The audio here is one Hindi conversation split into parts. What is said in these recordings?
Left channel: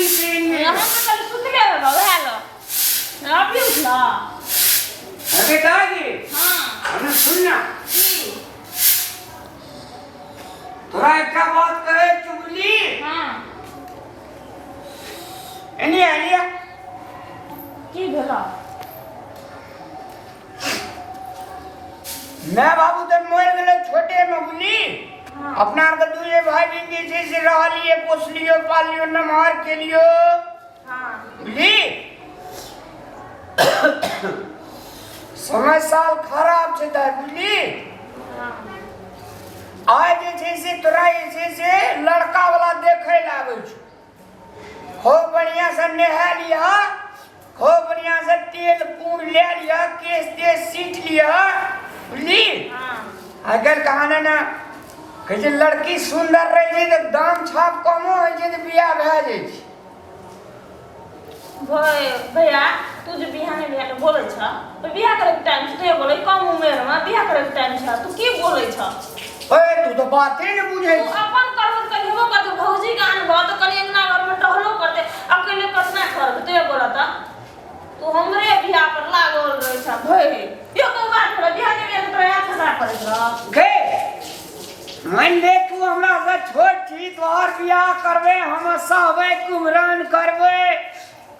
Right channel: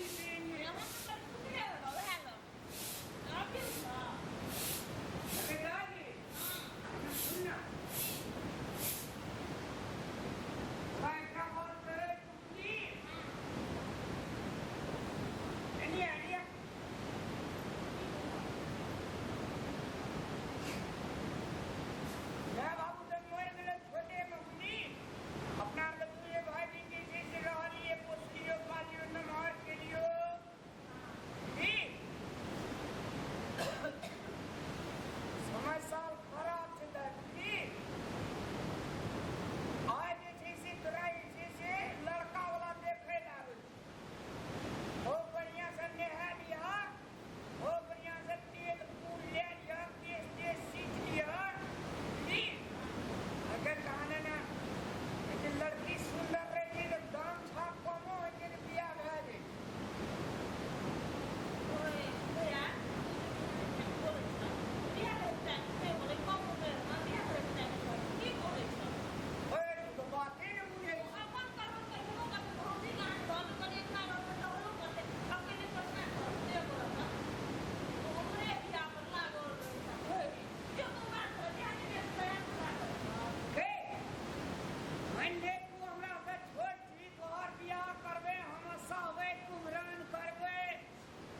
बुल के हम कल सुतले बाबा हेलो आप भी उठला अरे दादी हां अरे सुनना तोरा एक बात कहे चुगली हां एनी आलिया की भेला मैं बाबू तो मर गए छोटे में बुली हां अपना के दूजे भाई बहन जैसे रहलिए पोसलियो पालियो नमार के लियो हां बुली समय साल खराब छे ता बुली हां आज जैसे तोरा जैसे लड़का वाला देखे लागे छ खूब बढ़िया से नहा लिया खूब बढ़िया से तेल कूड़ ले लिया केस तेज सीट लिया बुली हां अगर कहाना ना कहे लड़की सुंदर रही छै तो दाम छाप कमो है छै तो बियाह भए जाइ छै भैया तू जो बिहाने बिहाने बोले छ तो बियाह करे के टाइम से बोले कम उम्र में बियाह करे के टाइम छ तू की बोले छ ओए तू तो बाते न बुझै तू अपन करबो कहिबो कर तू भौजी के आन बहुत कनी अंगना घर में टहलो करते अकेले कतना कर तू बोला था तू हमरे बियाह पर लागल रहे छ भई यो को बात रे बियाह के तो प्रयास करा पड़े छ गे मान ले तू हमरा से छोट छी तोहर बियाह करबे हम सहबे कुमरान करबे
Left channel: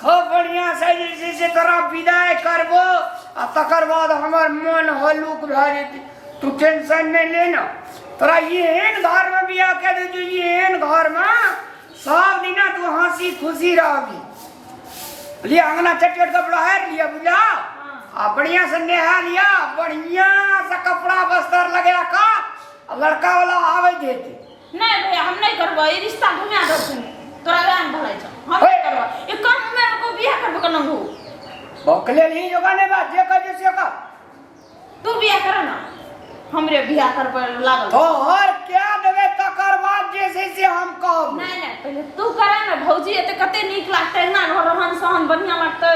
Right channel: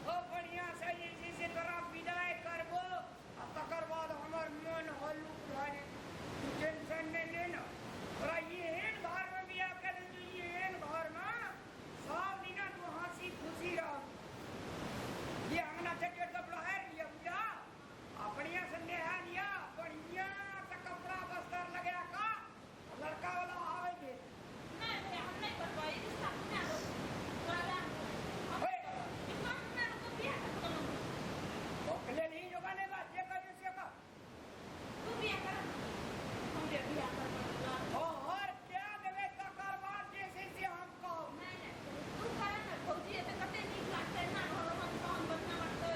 खूब बढ़िया से जैसे तोरा विदाई करबो आ तकर बाद हमर मन हलुक भ जेतै तू टेंशन नहीं लेना तोरा एहन घर में बियाह के दे जो एहन घर में सब दिना तू हंसी खुशी रहबी लिया अंगना चटचट कपड़ा है लिया बुझा आ बढ़िया से नहा लिया बढ़िया से कपड़ा बस्तर लगा का लड़का वाला आवे देते नहीं भैया हम नहीं करबो ई रिश्ता घुमा दो सुन तोरा गान भलाई छ हम नहीं करबो ये कम उम्र में को बियाह करबो कना हो बकले नहीं जोगाने बात जे कह जैसे का तू बियाह कर ना हमरे बियाह कर पर लागल तो और क्या देवे तकर बाद जैसे से हम कहब नहीं नहीं पहले तू करे ना भौजी एते कते नीक लागते ना रहन सहन बढ़िया लागते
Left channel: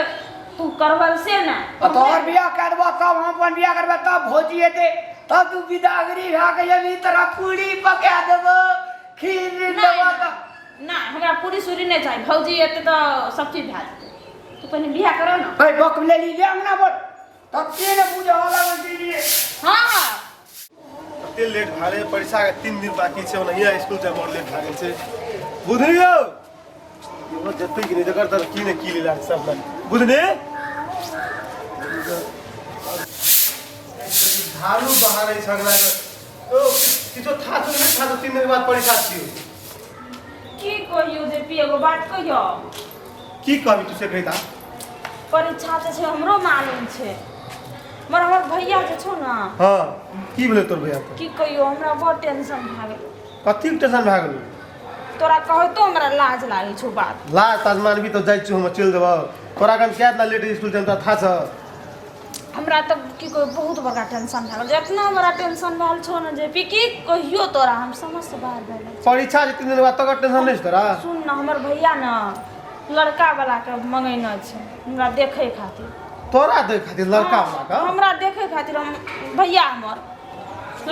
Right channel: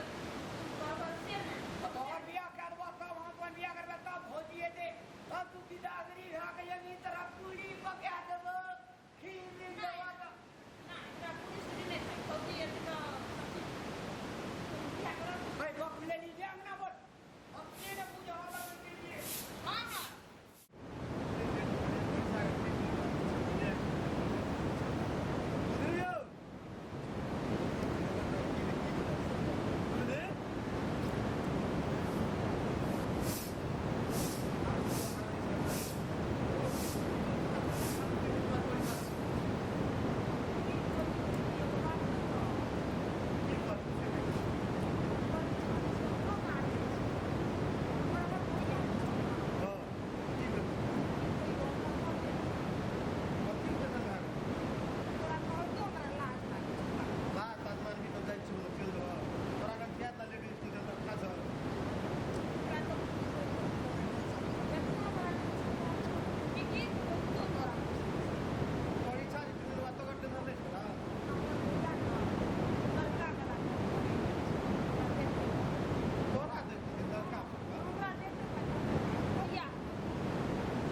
तू करबल से ना तो और बियाह करबा तब हम अपन बियाह करबा तब भोजी हेते तब तू विदागरी भा के अभी तरह पूरी पका देबो खीर देबो ना हमरा पूरी सूरी नहीं चाहिए भौजी एते तो सब चीज भा तू पहले बियाह करो ना भाई बकले ली ले अंगना बोल तब के ने पूजा होला दीजिए हां हां ते लेट भारे परीक्षा के 3 दिन बाकी छे ओनहिया स्कूल टाइम और लेट भारे छे बुझलियो यो जत्ते कि नहीं जकर तर की ने की लीला सब ना बुझने हालू बाहर छगला तो किछो था तो नहीं था तो 3 दिन के बाद परीक्षा छियो की कहियो जे पिएगो बात कहियो की कहबी तुसे कहिता परीक्षा छे हमरो मालूम छे मगर हमर भैया जे छौ ना हां की बोले तोर भैया की कहियो हमरा बहुत टेंशन भा गेल कथि टेंशन भा गेल तोरा कहै तो हमरा लाज लागे छौ बात ला ताजमान भी तो जाय छु हम चल देबो तोरा कन केतना लेट स्कूल टाइम त था छ हमरा त की कोई बहुत बड़ा टेंशन भा गेल इतना बड़ा टेंशन भा छौ ना जे की कहियो तोरा हम समझ से बाहर भा गेल परीक्षा के 3 दिन बाद तक टेंशन नहीं तोरा सुन ना हमर भैया ना लड़का वाला के मंगैना छै हमरा देखे खातिर तोरा दे खातिर लड़का वाला का हमरा देखे खातिर हम भैया हमर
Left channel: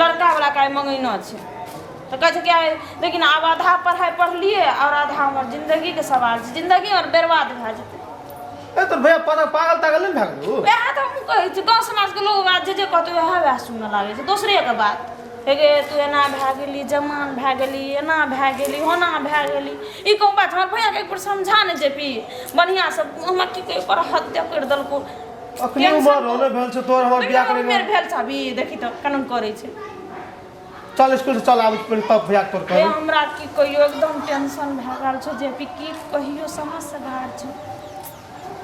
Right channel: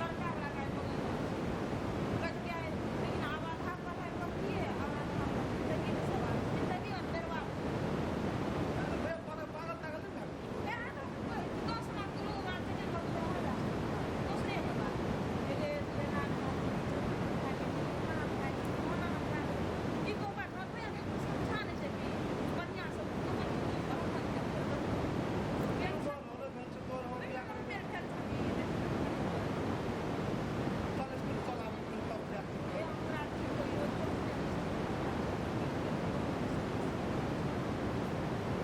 लड़का वाला का मंगैना छै तो कह छै कि लेकिन अब आधा पढ़ाई पढ़लिए और आधा हमर जिंदगी के सवाल छै जिंदगी और बर्बाद भ जेतै ए तोर भैया पागल तागल नहीं भागलू वह तो हम कहै छी गाँव समाज के लोग बात जे कहतै वह सुनऽ लागे छै दोसरे के बात हे गे तू एना भए गेली जमान भए गेली एना भए गेली होना भए गेली ई कोन बात हमर भैया के एक बार समझा ने जेपी बढ़िया से हमरा की कहि पर हत्या कर देलको अखनी उमर होने भेल छ तोर हमर बियाह करे मेर भेल छ अभी देखी त कानून करे छै चल स्कूल से चल आब पहले तब भैया तोर ए कह हमरा की कहियो एकदम टेंशन भए गेल छै जेपी की कहियो समझ से बाहर छै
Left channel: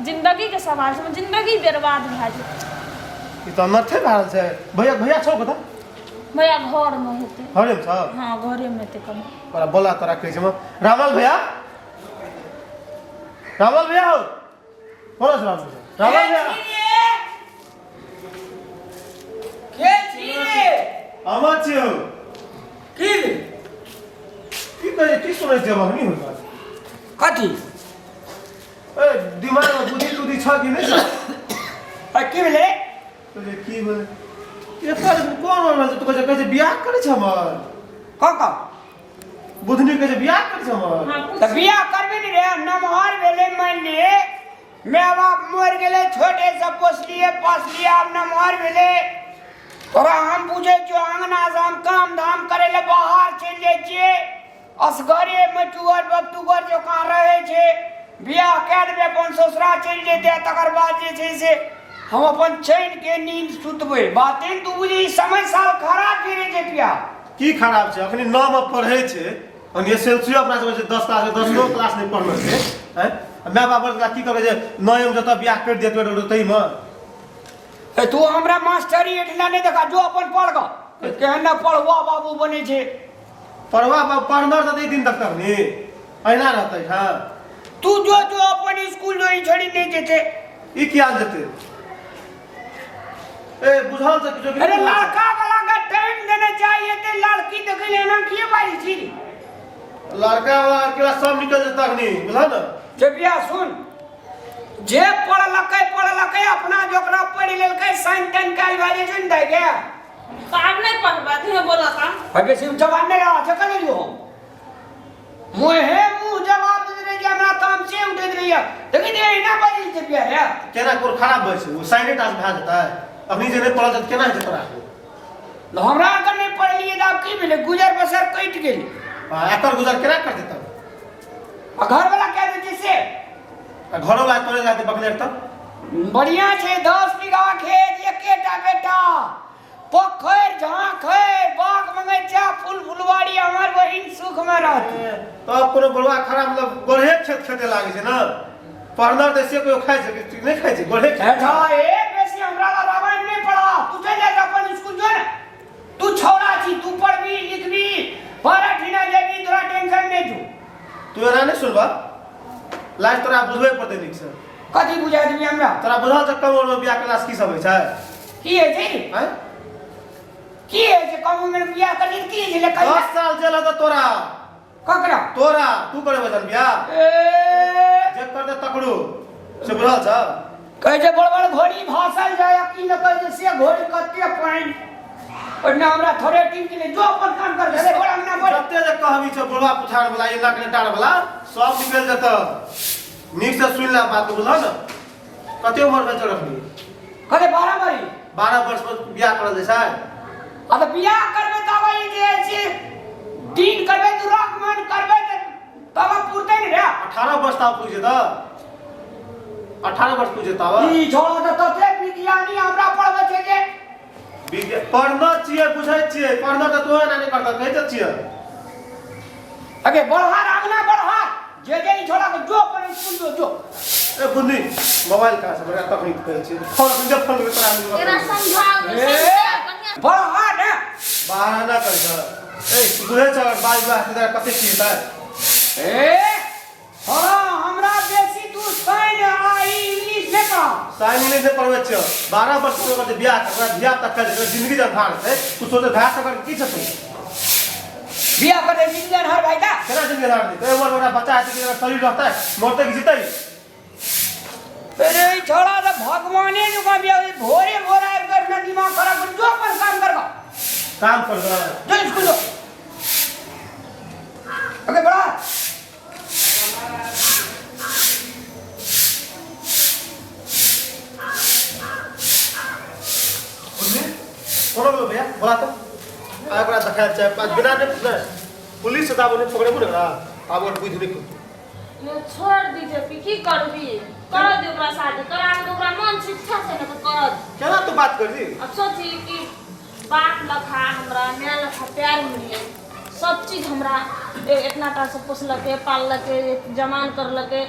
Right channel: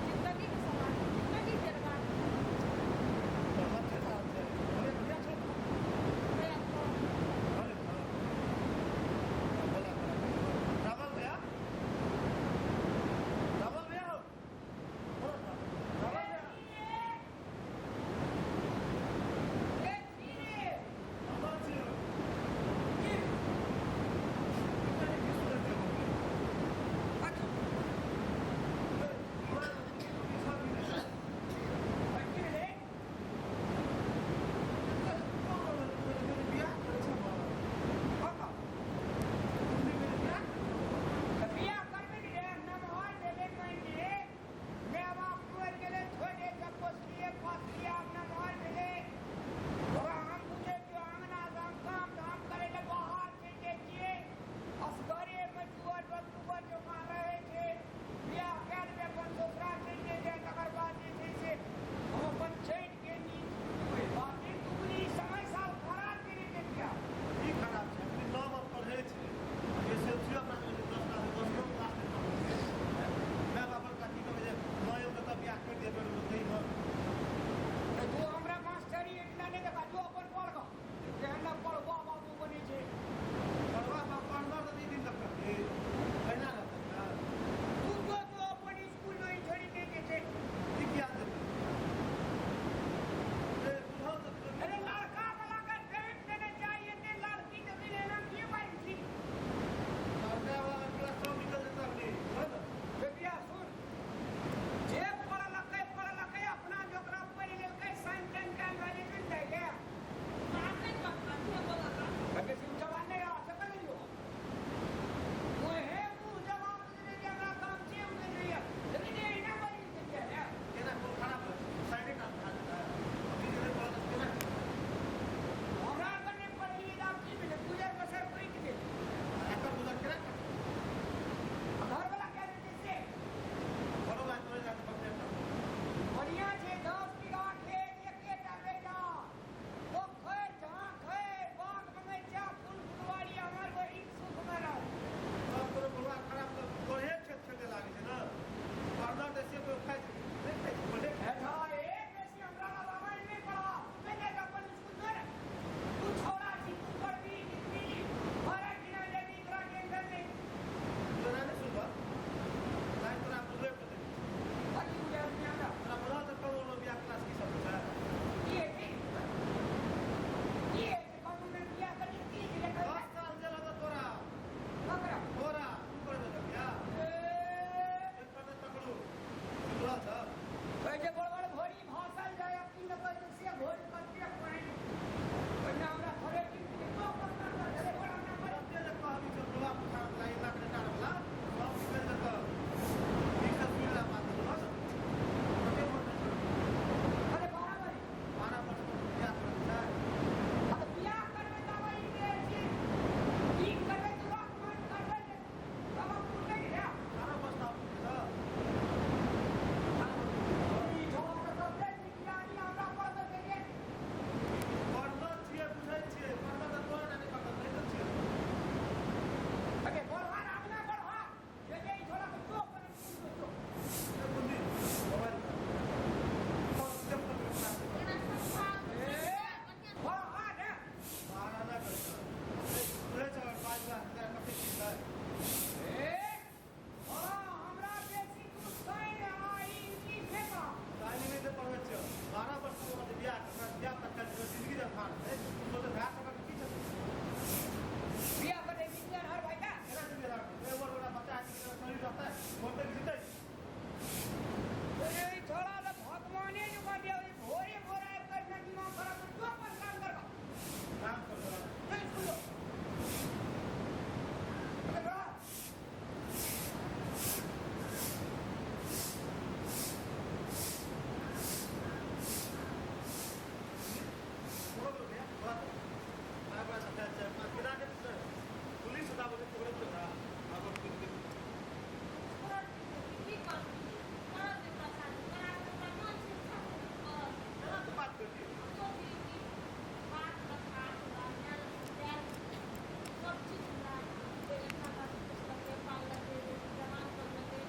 जिंदगी के सवाल छै जिंदगी बर्बाद भए जेतै ई त नथे भाल छै भैया छौ कत भैया घर में हेतै घरे में छ हां घरे में हेतै कहीं पर बोला तोरा कहै छै रामल भैया हो बोला रामल भैया के छी आमा छियो की की सुनै छै हम नहीं होता कथी ए दिमाग में बुद्धि तुद्धि छ कि नहीं छ की भेले तो की बोले एकर कोन हो रहल छै तू कहै छै बियाह करे छै हमर का बुधनी के जे बियाह कर छ हमर हाँ, तो बियाह करबे नहीं रे नमहर भेले मान लिए मैं बाप मर गेले छोटे से पोसलिए पासलिए अब नमहर भेले तोरा हम पूछे जो अंगना से हम काम धाम करे ले बाहर चल जाए छिए असगरे मटुअर बक्तुअर जो कहाँ रहे छे बियाह कह देबे अपन ससुरा चल जेते तकर बाद जे छे से हम अपन चैन के नींद सुतबे बातें तू बुझी समय साल खराब करे छे पिया की खराब छै अखनी 9 में पढ़े छै और एसएलसी अपना सब 10 क्लास में 10 क्लास नहीं पढ़ले छै हैं मैं बाबर का की करे जे 9 में जत बियाह कर देत तई में ए तू हमरा मास्टरी एठला नहीं देखा जो अपन पढ़ ग केहन ना पढ़वा बाबू बने छे पढ़वा पढ़नर त दिन तक नहीं अहिना रहतै हां तू जो जो अपन स्कूल जो छोड़ी नहीं जेते ई क्या देते ए बुझल से किछो अरे लड़का वाला का टाइम देना चाहिए ते लड़की देख लेना किए बारी छी लड़का वाला के सब निकल जता नहीं बुझल न जबिया सुन जे पढ़ लकै अपना जोकरा पढ़ लेलकै साइन तन काल भाजे जन दे गया तो आप नहीं पढ़ पाते हैं बोला था अबे सिर्फ जवान नहीं रहा चकल लियो मुहे मुंह जवाब दे रे हमरा काम से उठे रही है लेकिन ये ना बाजी जबिया है केना कोर खराब भइ छै वो साइने टास भा जेता है अभी जे नहीं पढ़ल त केना हेतै तोरा हमरा अगर नहीं पढ़ लिए त की भेले गुजर बसर कट गेल एकर गुजर केना कर देता घर वाला कह दे जैसे घरो वाला तोरे जाते बकलेर त बढ़िया छे 10 बीघा खेत एकेटा बेटा पोखर झांखर बाग बगीचा फूल फुलवाड़ी हमर बहिन सुख में रहत तो कोनो बड़वा खराब मतलब गोढ़े खेत खेते लागे छै न पढ़नर देसे कोई खाइ छै कि नहीं खाइ छै गोढ़े ऐठा एक बेसी हमरा ला रामायण नहीं पढ़ा तू चल जा अपन स्कूल जो ना तू छोड़ा छी तू पढ़बी लिखबी बारा ठिना जेबी तोरा टेंशन नहीं तू तू एना नहीं सुनबा लास्ट तोरा बुझबे पड़तै नीक से कथी बुझा देबी हमरा तोरा बुझल त कम उम्र में बियाह क्लास की सब होइ छै की है जी हैं की है जे कम उम्र में बियाह कर की है ले 10 साल जेल त तोरा ककरा तू करे बचन बियाह ए जे कर दे तकड़ू से बुझल छ कहे जे बड़ बड़ घोड़ी भासल जाए की न कहे जे से घोड़ी कते पाइन और ना हमरा थोड़े टीम के लिए जो अपन काम कर दे बड़ा ना बोल कते जे कहबी छ बुढ़वा पुछाड़ वाला ये नाक नेटाड़ वाला सब निकल जत नीक से सुन ले बात बुझल न कते उम्र में चल रखनी कहे 12 बरी 12 वर्ष में बियाह कर दे छै अब बियाह करबे तब ई जे छै 3 करबे दुराक मन करबे तब पूरते नहीं रे 18 वर्ष तक पूछे त 18 वर्ष पूछे तब ई छोड़ा त तते विज्ञानी हमरा पढ़बे छै जे पढ़ना चाहिए बुझे छिए पढ़ना त तोहे नहीं करता कहै छिए अगे बढ़ा आगना बढ़ा जे ई छोड़ा के जो पर स्कूल जो ए बुन्नी मोबाइल का से बड़ा तकनीक कहै छी फोन जब फोन के तोरा तेरा समझाओ बढ़ा ने बहाना कर ए बुझे छ बाल विवाह से तोरा कते छिए त ए थोड़ा हमरा बेसी तू साइन आई इंग्लिश ने पढ़ा साइन इंग्लिश से पढ़वे छ 12 वर्ष के बाद बियाह कर बियाह तक कर जिंदगी जब भार है तू सोचे भार कर की छ तू बियाह कर दे जिंदगी हर भाई का केना जिंदगी हार दी तो उम्र बड़ा बच्चा है कि शरीर रहता है मरते कि जीते अरे छोड़ा तो भगवाने जो का बियाह भोरे भोरा कर ना दिमाग खराब कर जो अपन काम कर काम कर दो जो स्कूल जो अगे बड़ा कोनो लो भैया बोला तो आगरा देखा चाहे पांच बिना ने पुलिस दाबो ने पकड़े बोले ना अब और बुझ नहीं ये छोड़ दीजिए की करबी कर दे ओकरा शादी करा दे ओकरा मन शिक्षा से न तो कर केना तू बात कर दी अब सोची कि बाप लखा हमरा मैं लखा प्यार मिले सब चीज हमरा इतना टा से पोसलके पाललके जमान करलके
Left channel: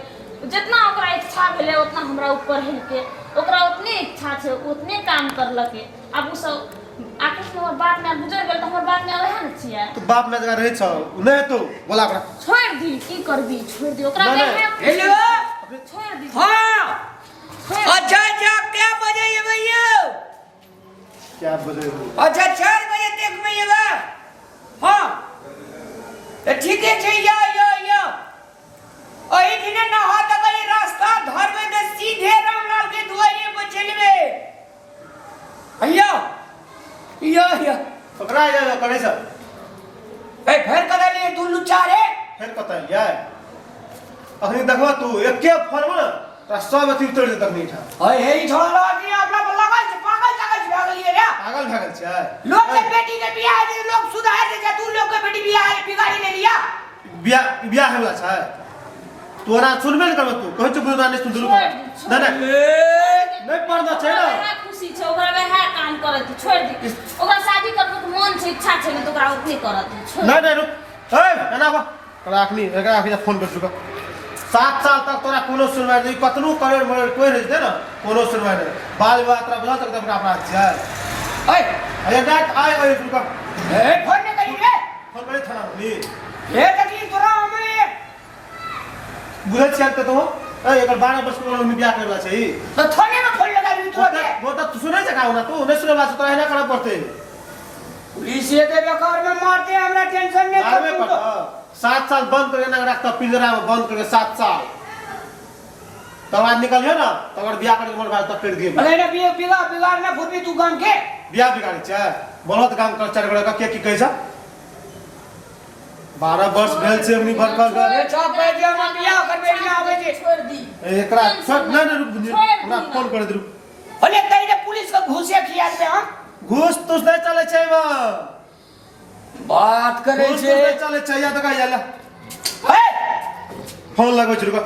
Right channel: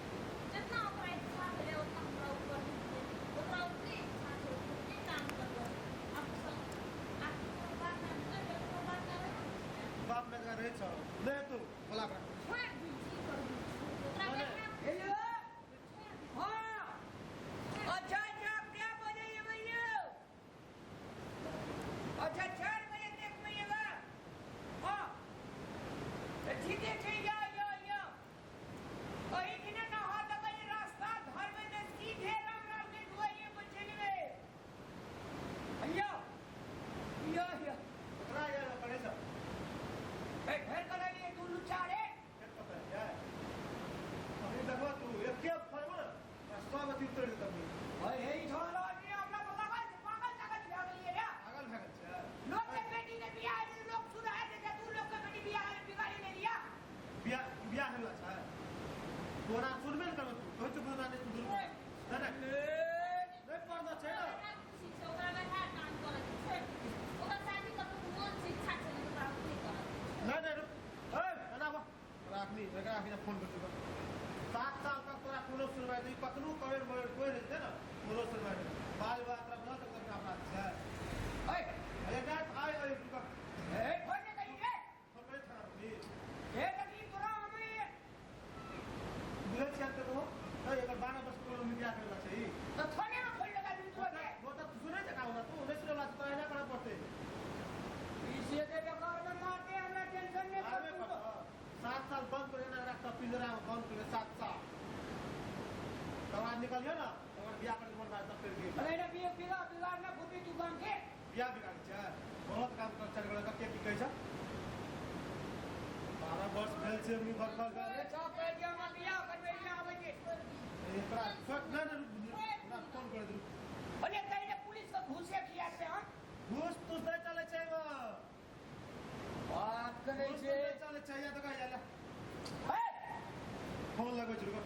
जितना ओकरा इच्छा भेले उतना हमरा ऊपर हिलके ओकरा उतने इच्छा छे उतने काम करलके अब उ सब आखिर से हमर बाप में गुजर गेल त हमर बाप में रहे न छिया तू बाप में जगह रहे छ नहीं तो बोला ओकरा छोड़ दी की करबी छोड़ दी ओकरा हेलो छोड़ दी हां अच्छा अच्छा क्या बजे ये भैया क्या बजे अच्छा 4 बजे तक में ये बा हां तो ठीक है या ओही दिन ना हाथ गई रास्ता धरबे त सीधे रामलाल के दुआरे पर चलबे या पकड़ा जा करे छ ए घर कदा लिए तू लुच्चा रे करता है अखनी देखबा तू एके फोन में ना सब अथी उतर दे तखनी ठा ओए हे छोड़ लगी अपना पर लगल छै पागल भाग गेलिए रे पागल भागल छै लोग के बेटी के बियाह दे लोग सुधार दे जा तू लोग के बेटी बियाह बिगाड़ी ले लिया बियाह होला छै तोरा सुनबे न करब तू कहै छ बुरा नहीं सुन दुरु ना नहीं पर्दा छै ना खुशी छै ओकरा वह काम करे तू छोड़ दी ओकरा शादी करबो के मन छै इच्छा छै न तो ओकरा उतने करत छोड़ नहीं रुक ए एना बा एकरा आखनी फोन कर चुका 7 साल तक तोरा कोनो सुनवाई नहीं कतनो करोड़ मरोड़ कोई नहीं दे ना कोनो सुनवाई नहीं बाल विवाह तोरा बुझा तक अपना अपराध छै ओए अरे डाट आए ओए रुक ए फोन ने करी रे फोन करे थाना नी ए तकलीफ तोरा हमें बुझै छियै त तो एकर 12 वर्ष के में बियाह करला छै तो थाने में फोन लगा दी तू वो तू सुनै छै का ना तू नहीं सुनला से तोरा एना करे पड़ते पुलिस ये दे बेकार में मारते हमरा टेंशन नहीं आवे पड़ 7 साल बंद करके ना रखता पिंजरा में बंद करके 7 साल तब आज निकलियो ना तब अगर बियाह करके मोर भाई तब कर दिए अरे ना बिगाड़ ना फुरबी तू गांव के बियाह बिगाड़ी छै बोलत काम कर चार गड़ा के की कहै छै 12 वर्ष भेल छै अपनी भरकर कर ए चौक पे जे हम बियाह कर बेटी आवे छै छोड़ दी एकरा छोड़ ना रुक हमरा फोन कर दे अरे तई ने पुलिस को घुसे खिया दे हम घूस तो नहीं चले छै बा बात करे घूस छे नहीं चले छै या तका याला हे फोन लगो छै रुक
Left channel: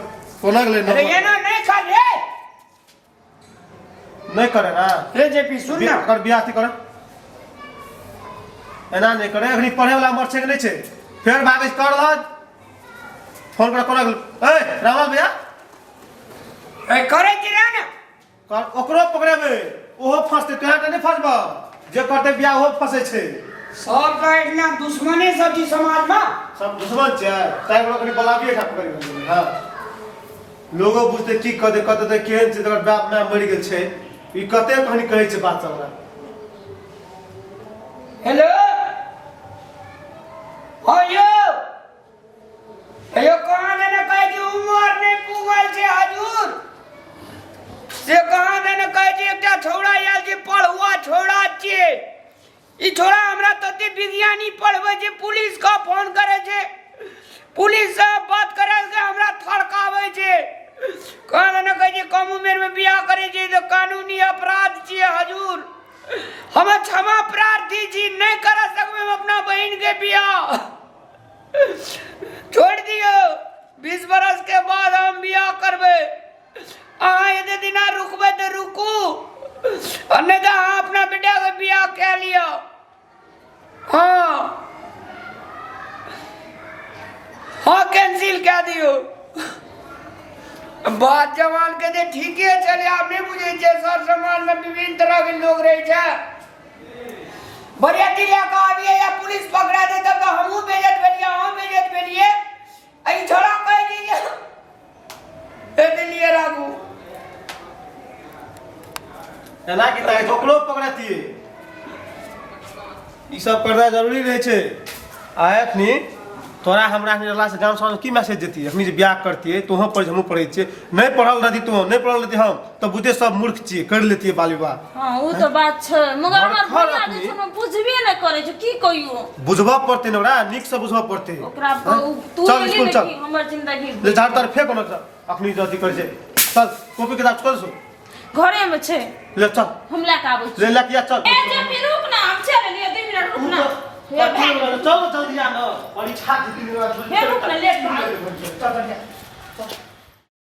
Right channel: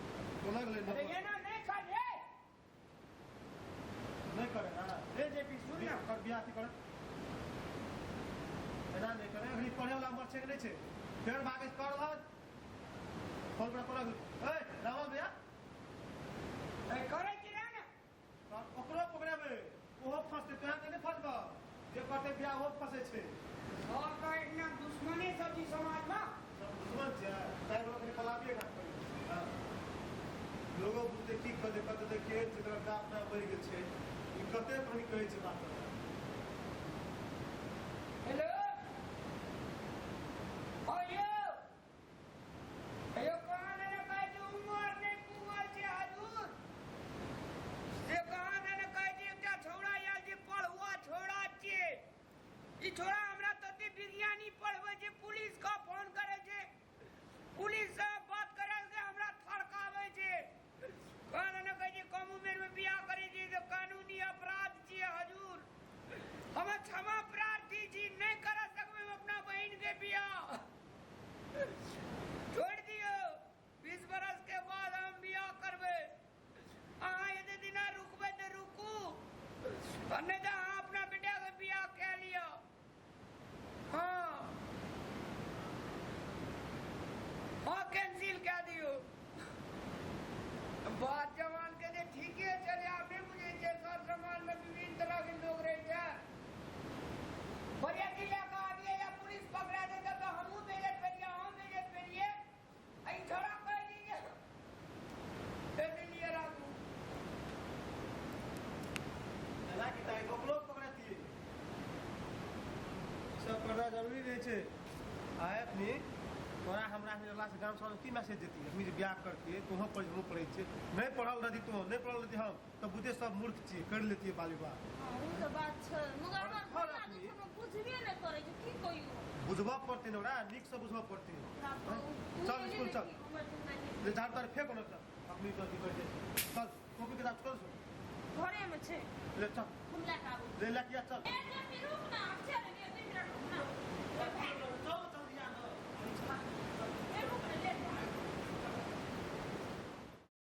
कोना गेले अरे ये ना नहीं खा रे नहीं करे ना रे जेपी सुन ना कर बियाह थी करे एना नहीं करे अखनी पढ़े वाला मर छै कि नहीं छै फिर भागे कर ल फोन कर कोना गेल ए रामा भैया ए करे कि ना कर ओकरो पकड़ेबे ओहो फंसते तोहा त नहीं फंसबा जे करते बियाह ओहो फंसे छै सब का इतना दुश्मनी सब जी समाज में सब दुश्मन छै ताइ लोग कनी बलाबिए ठा पकड़ हां लोगो बुझते की कदे कते केहन छै तकर बाप माय मरि गेल छै ई कते कहानी कहै छै बात सब हेलो आयो अयो कहां ने कह दी उम्र नहीं पुगल छै हजूर से कहां ने कह दी एकटा छोड़ा आयल जे पढ़ुआ छोड़ा छै ई छोड़ा हमरा तते विज्ञानी पढ़बै जे पुलिस का फोन करे छै पुलिस से बात करे के हमरा थड़कावे छै कहां ने कह दी कम उम्र में बियाह करे छै तो कानूनी अपराध छै हजूर हम क्षमा प्रार्थी जी नहीं कर सकबे अपना बहन के बियाह छोड़ दियो 20 बरस के बाद हम बियाह करबे अहाँ यदि दिना रुकबे तो रुकू और नहीं तो हाँ अपना बेटा के बियाह कह लिया हाँ हाँ कैंसिल कह दियो बात जवान के दे ठीक है चले आप नहीं बुझे छे सर समाज में विभिन्न तरह के लोग रहे छे बरियाती लेके आविए या पुलिस पकड़ा दे तब तो हमहू बेइज्जत भेलिए हम बेइज्जत भेलिए आई छोड़ा कह दीजिए ए लिए राखू एना की ताइ ओकरो पकड़ती ई सब करना जरूरी रहे छै आयखनी तोरा हमरा रहला से गांव समाज की मैसेज देती अखनी जे बियाह करती तो हम पढ़ हमहू पढ़ै छियै नहीं पढ़ल रहती तो नहीं पढ़ल रहती हम तो बुझे सब मूर्ख छियै कर लेती बाल विवाह हां वो तो बात छै मगर हमर भैया जे सुनो बुझबे नै करे छै की कहियो बुझबा पड़ते न ओकरा नीक से बुझबा पड़ते ओकरा तू ले ले हमर जिंदगी ले झाड़ तर फेंक न अखनी जल्दी कर छै चल कॉपी किताब छोड़ सो घरे में छै ले चल हम लेके आबै छी ले लेके आ चल ए जे फिर रुक ना हम चल लिए 2 मिनट रुक ना चल जल्दी आ न परीक्षा 2 दिन बाद रुक ना लेट चल